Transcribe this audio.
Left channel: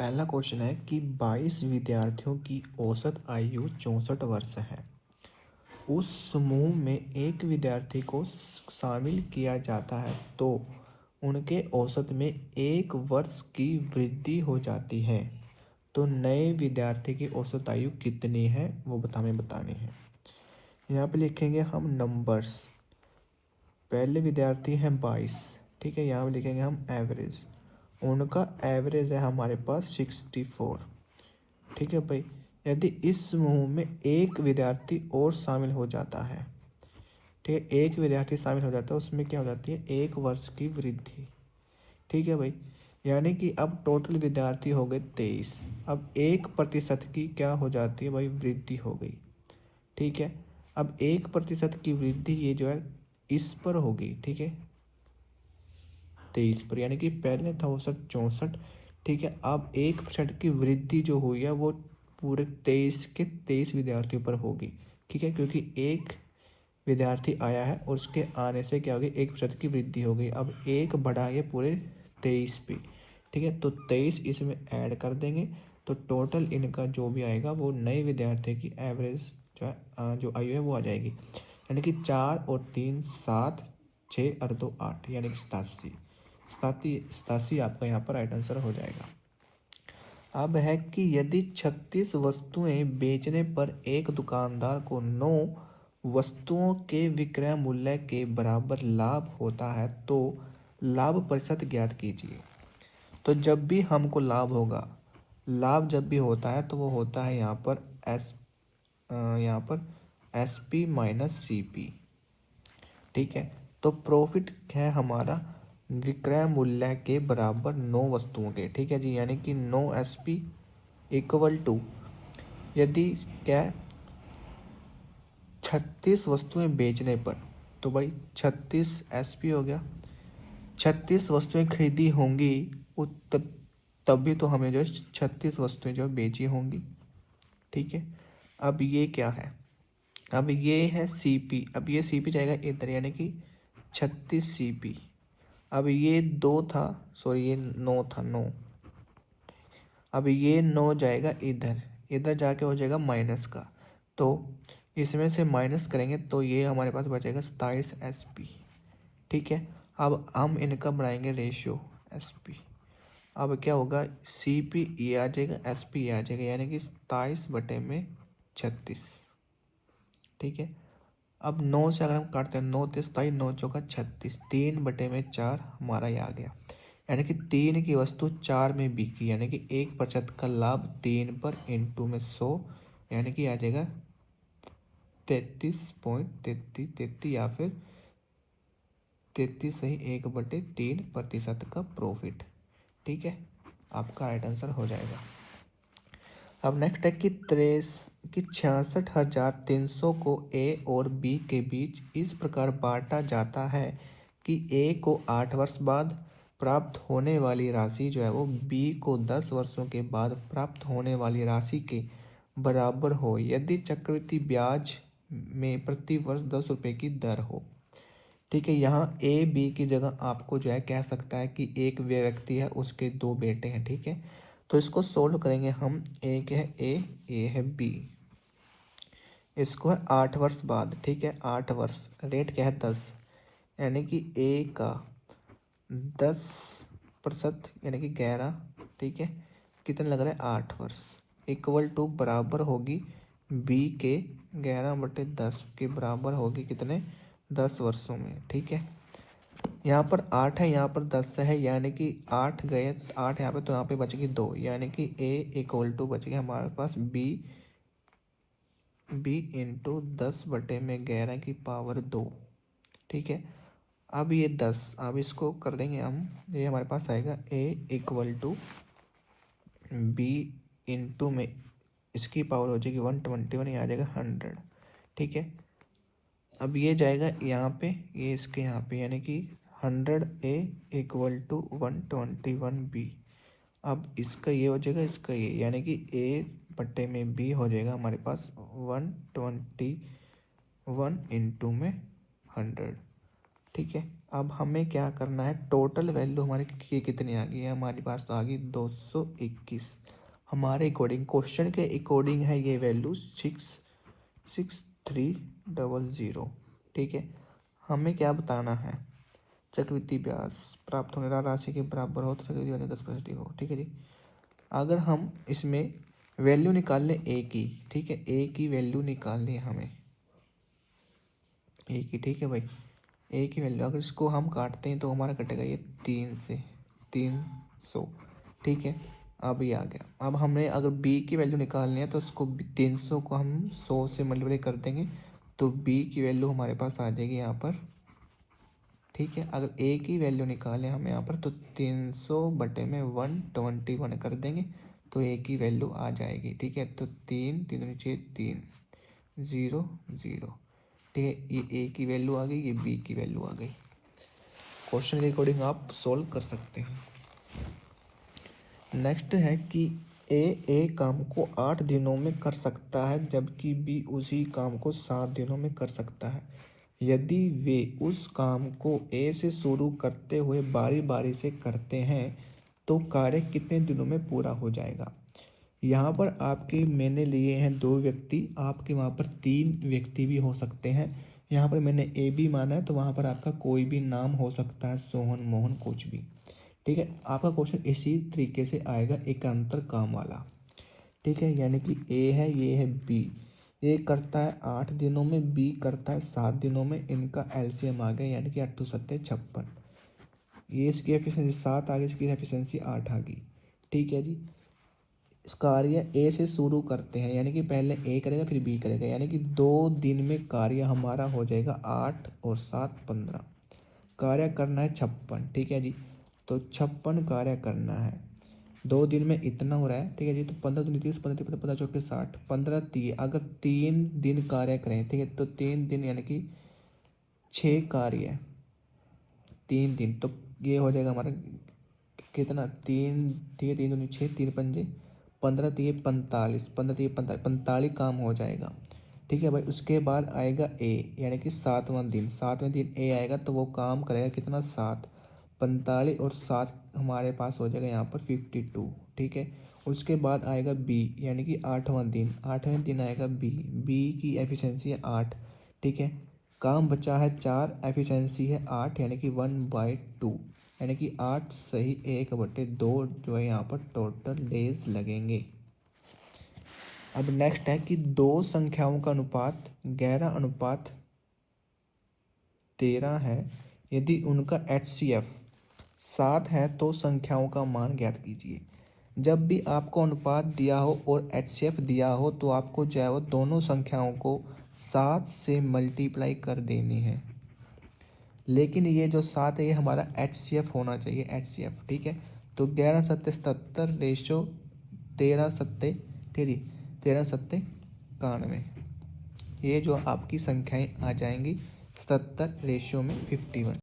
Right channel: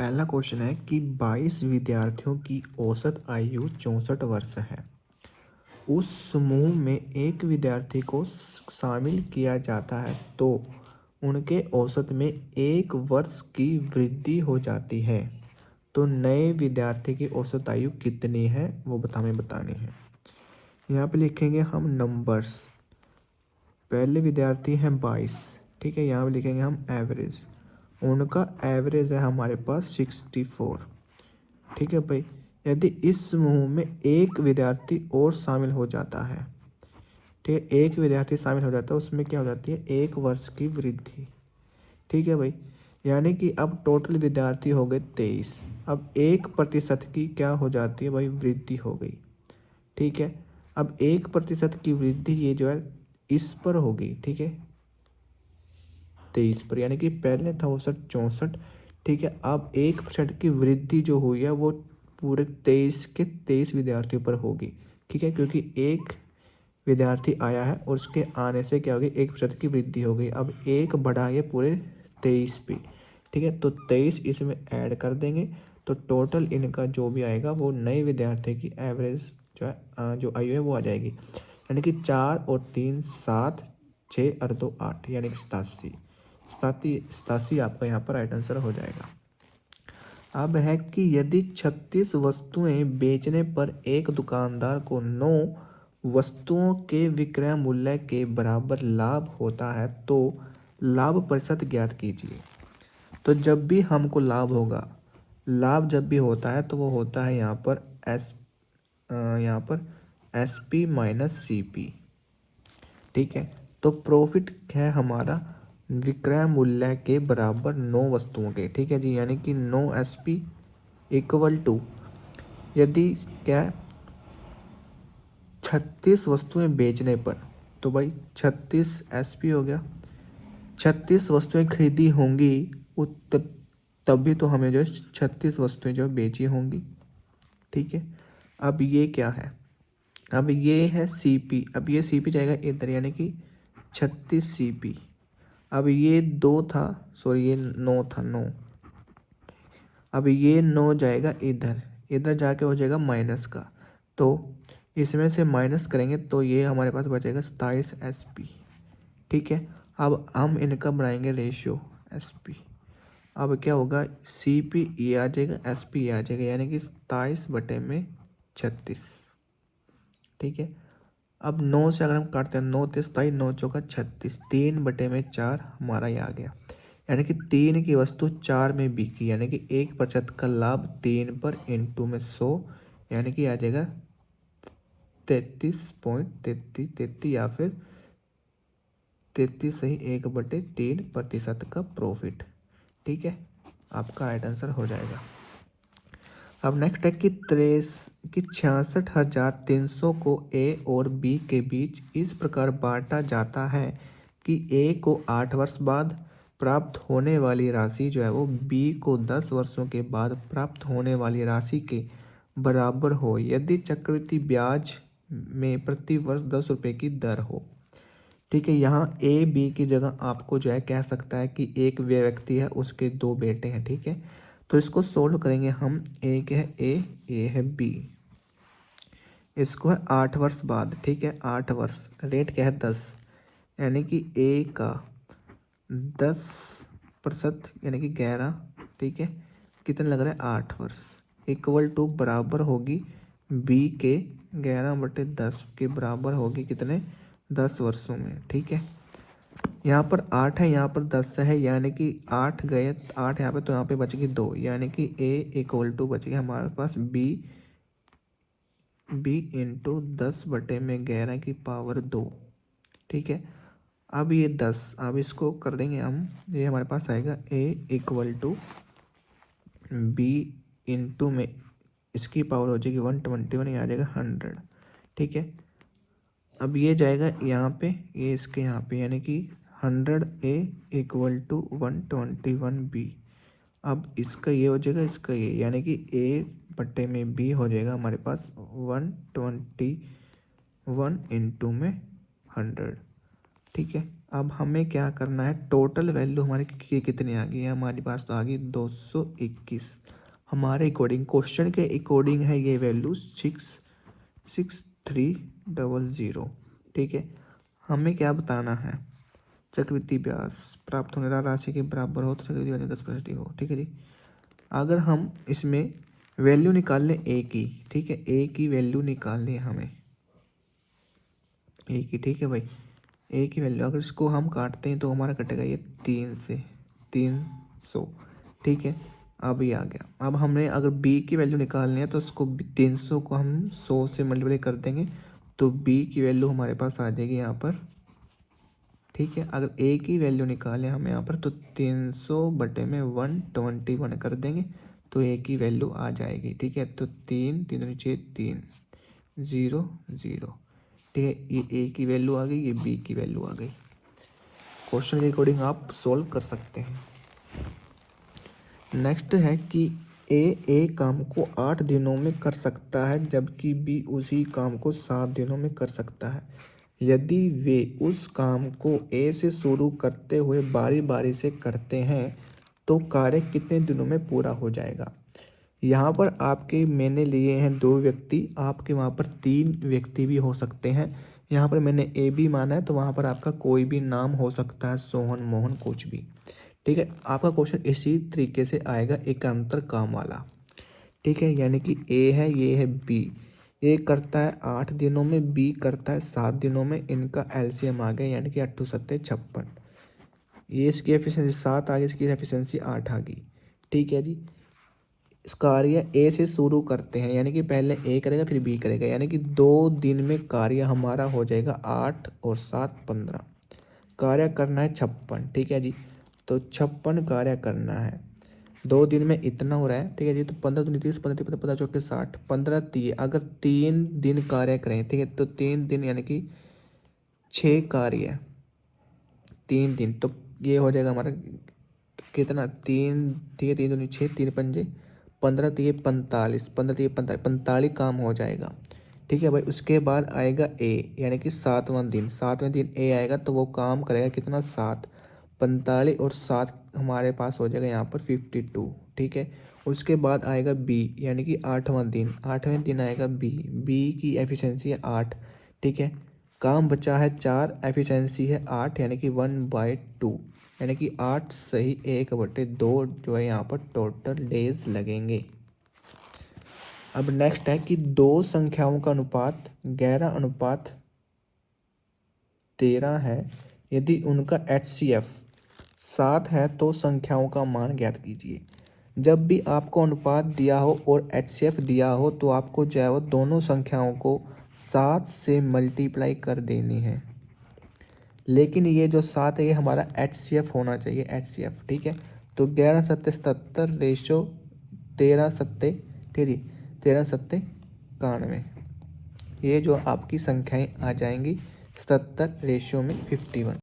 पहला क्वेश्चन है कि 22 विद्यार्थियों की औसत आयु 64 वर्ष है। उस समूह में एक विद्यार्थी को शामिल किया जाता है तो उनके औसत में 1 वर्ष की वृद्धि हो जाती है। तो नए विद्यार्थी की औसत आयु कितनी है वो हमें बतानी है। यहाँ पे लिखेंगे हम नंबर्स। पहले विद्यार्थी हैं 22, ठीक है। यहाँ पे लिखेंगे हम एवरेज। उनका एवरेज है हमारे पास 64, ठीक है भाई। यदि इस समूह में एक विद्यार्थी और शामिल हो जाता है, ठीक है, एक विद्यार्थी शामिल हो जाता है, उसमें क्या हो जाती है 1 वर्ष की वृद्धि, ठीक है भाई। यानी कि अब टोटल विद्यार्थी हो गए 23। अब 1% की क्या हो जाती है भाई वृद्धि हो गई, ठीक है। अब 1% की वृद्धि ये जो है इस पर होगी, ठीक है, 23 पर, यानी कि पहले था औसत 64, ठीक है। अब 1% की वृद्धि जो हुई है वो पूरे 23 के 23 विद्यार्थियों पर होगी, ठीक है, क्योंकि एक विद्यार्थी आया है और उसके आने से क्या होगी 1% की वृद्धि हो गई। अब एक बढ़ा ये पूरे 23 पे, ठीक है। तो 23 इसमें ऐड कर देंगे तो टोटल इनका जो भी आएगा वो नए विद्यार्थी की एवरेज जो है जो आयु है वो आ जाएगी, यानी कि 4 और 3 7, 6 और 2 8, यानी कि 87 आपका यहाँ पर राइट आंसर हो जाएगा। अब है कि यदि 36 वस्तुएं बेचने पर एक दुकानदार को 9 वस्तुओं के विक्रय मूल्य के बराबर लाभ होता है तो लाभ प्रतिशत ज्ञात कीजिए। तो जब भी हमको लाभ होगा, लाभ जब भी होता है तो वो होता है यहाँ पर SP माइनस CP, ठीक है। तो प्रॉफिट है हमारा विक्रय मूल्य के बराबर 9 वस्तुओं के, ठीक है जी, यानी कि 9 SP इक्वल टू, यदि क्या 36 वस्तुएं बेचने पर, तो भाई 36 SP हो गया। 36 वस्तुएं खरीदी होंगी तभी तो हमें जो 36 वस्तुएं जो बेची होंगी, ठीक है। अब ये क्या है, अब ये है CP। अब ये CP जाएगा इधर, यानी कि 36 CP। अब ये 2 था, सॉरी ये 9 था, 9। अब ये 9 जाएगा इधर, इधर जाके हो जाएगा माइनस का, तो इसमें से माइनस करेंगे तो ये हमारे पास बचेगा 27 SP, ठीक है। अब हम इनका बनाएंगे रेशियो SP। अब क्या होगा CP ये आ जाएगा, SP ये आ जाएगा, यानी कि 27/36, ठीक है। अब 9 से अगर हम काटते हैं 9 3 27, 9 चौका 36, 3/4 हमारा ये आ गया, यानी कि 3 की वस्तु 4 में बिकी, यानी कि 1% का लाभ 3 पर इंटू में 100, यानी कि आ जाएगा 33.33 या फिर 33 सही 1/3% का प्रॉफिट, ठीक है। आपका राइट आंसर हो जाएगा। अब नेक्स्ट है कि 66,300 को A और B के बीच इस प्रकार बांटा जाता है कि A को 8 वर्ष बाद प्राप्त होने वाली राशि जो है वो B को 10 वर्षों के बाद प्राप्त होने वाली राशि के बराबर हो, यदि चक्रवृद्धि ब्याज में प्रति वर्ष 10 रुपये की दर हो, ठीक है। यहाँ AB की जगह आपको जो है कह सकता है कि एक व्यक्ति है, उसके 2 बेटे हैं, ठीक है। तो इसको सोल्व करेंगे हम। एक है A, ये है B, इसको है 8 वर्ष बाद, ठीक है। 8 वर्ष, रेट क्या है 10, यानी कि A का 10% यानी कि 11, ठीक है। कितना लग रहा है 8 वर्ष इक्वल टू बराबर होगी B के 11/10 के बराबर होगी कितने 10 वर्षों में, ठीक है। यहाँ पर 8 है, यहाँ पर 10 है, यानी कि 8 गए 8 यहाँ पे, तो यहाँ पे बचेगी 2, यानी कि A इक्वल टू बचेगी हमारे पास B इंटू 10/11 की पावर 2, ठीक है। अब ये 10, अब इसको कर देंगे हम, ये हमारे पास आएगा A equal to B into में इसकी पावर हो जाएगी 121, ये आ जाएगा 100, ठीक है। अब ये जाएगा यहाँ पे, ये इसके यहाँ पे, यानी कि 100A इक्वल टू 121B। अब इसका ये हो जाएगा, इसका ये, यानी कि A/B हो जाएगा हमारे पास 121 इंटू में 100, ठीक है। अब हमें क्या करना है, टोटल वैल्यू हमारी कितनी आ गई है, हमारे पास तो आ गई 221। हमारे अकॉर्डिंग, क्वेश्चन के अकॉर्डिंग है ये वैल्यू 66300। ठीक है, हमें क्या बताना है, चक्रवृद्धि ब्याज प्राप्त होने वाली राशि के बराबर हो तो चक्रवृद्धि ब्याज 10% हो। ठीक है जी, अगर हम इसमें वैल्यू निकाल लें ए की, ठीक है, ए की वैल्यू निकालनी है हमें, ए की, ठीक है भाई, ए की वैल्यू अगर इसको हम काटते हैं तो हमारा कटेगा ये 3 से 300। ठीक है, अब ये आ गया। अब हमने अगर बी की वैल्यू निकालनी है तो इसको 300 को हम 100 से मल्टीप्लाई कर देंगे तो बी की वैल्यू हमारे पास आ जाएगी यहाँ पर। ठीक है, अगर ए की वैल्यू निकालें हम यहाँ पर तो 300/121 कर देंगे तो ए की वैल्यू आ जाएगी। ठीक है, तो 3 3 नीचे 3 0 0। ठीक है, ये ए की वैल्यू आ गई, ये बी की वैल्यू आ गई। क्वेश्चन के अकॉर्डिंग आप सोल्व कर सकते हैं। नेक्स्ट है कि ए काम को 8 दिनों में कर सकता है जबकि बी उसी काम को 7 दिनों में कर सकता है। यदि वे उस काम को ए से शुरू करते हुए बारी बारी से करते हैं तो कार्य कितने दिनों में पूरा हो जाएगा। यहाँ पर आपके मैंने लिए हैं 2 व्यक्ति, आपके वहाँ पर 3 व्यक्ति भी हो सकते हैं। यहाँ पर मैंने ए बी माना है तो वहाँ पर आपका कोई भी नाम हो सकता है, सोहन मोहन कुछ भी। ठीक है, आपका क्वेश्चन इसी तरीके से आएगा, एकांतर काम वाला। ठीक है, यानी कि ए है, ये है बी, ए करता है 8 दिनों में, बी करता है 7 दिनों में, इनका एलसीएम आ गया यानी कि 8 7 56। ये इसकी एफिशिएंसी 7 आ गई, इसकी एफिशिएंसी 8 आ गई। ठीक है जी, इस कार्य ए से शुरू करते हैं यानी कि पहले ए करेगा फिर बी करेगा, यानी कि 2 दिन में कार्य हमारा हो जाएगा 8 और 7 15। कार्य करना है 56। ठीक है जी, तो 56 कार्य करना है, 2 दिन में इतना हो रहा है। ठीक है जी, तो 15 दूनी 30, 15 15 चौके 60, 15 30, अगर 3 दिन कार्य करें, ठीक है, तो 3 दिन यानी कि 6 कार्य, 3 दिन, तो ये हो जाएगा हमारा कितना, 3, ठीक है, 3 दूनी 6, 3 पंजे 15, 3 45, 15 3 45, 45 काम हो जाएगा। ठीक है भाई, उसके बाद आएगा ए यानी कि 7वां दिन, 7वें दिन ए आएगा तो वो काम करेगा कितना, 7, 45 और 7 हमारे पास हो जाएगा यहाँ पर 52। ठीक है, उसके बाद आएगा बी यानी कि 8वां दिन, 8वें दिन आएगा बी, बी की एफिशिएंसी है 8। ठीक है, काम बचा है 4, एफिशिएंसी है 8 यानी कि 1/2, यानी कि 8 सही 1/2 जो है यहाँ पर टोटल डेज लगेंगे। अब नेक्स्ट है कि 2 संख्याओं का अनुपात 11:13 है, यदि उनका HCF 7 है तो संख्याओं का मान ज्ञात कीजिए। जब भी आपको अनुपात दिया हो और HCF दिया हो तो आपको जो है वो दोनों संख्याओं को 7 से मल्टीप्लाई कर देनी है, लेकिन ये जो 7 है ये हमारा HCF होना चाहिए, HCF। ठीक है, तो 11 7 77 रेशो 13 7 13 7 91, ये जो आपकी संख्याएं आ जाएंगी 77 रेशियो में 51।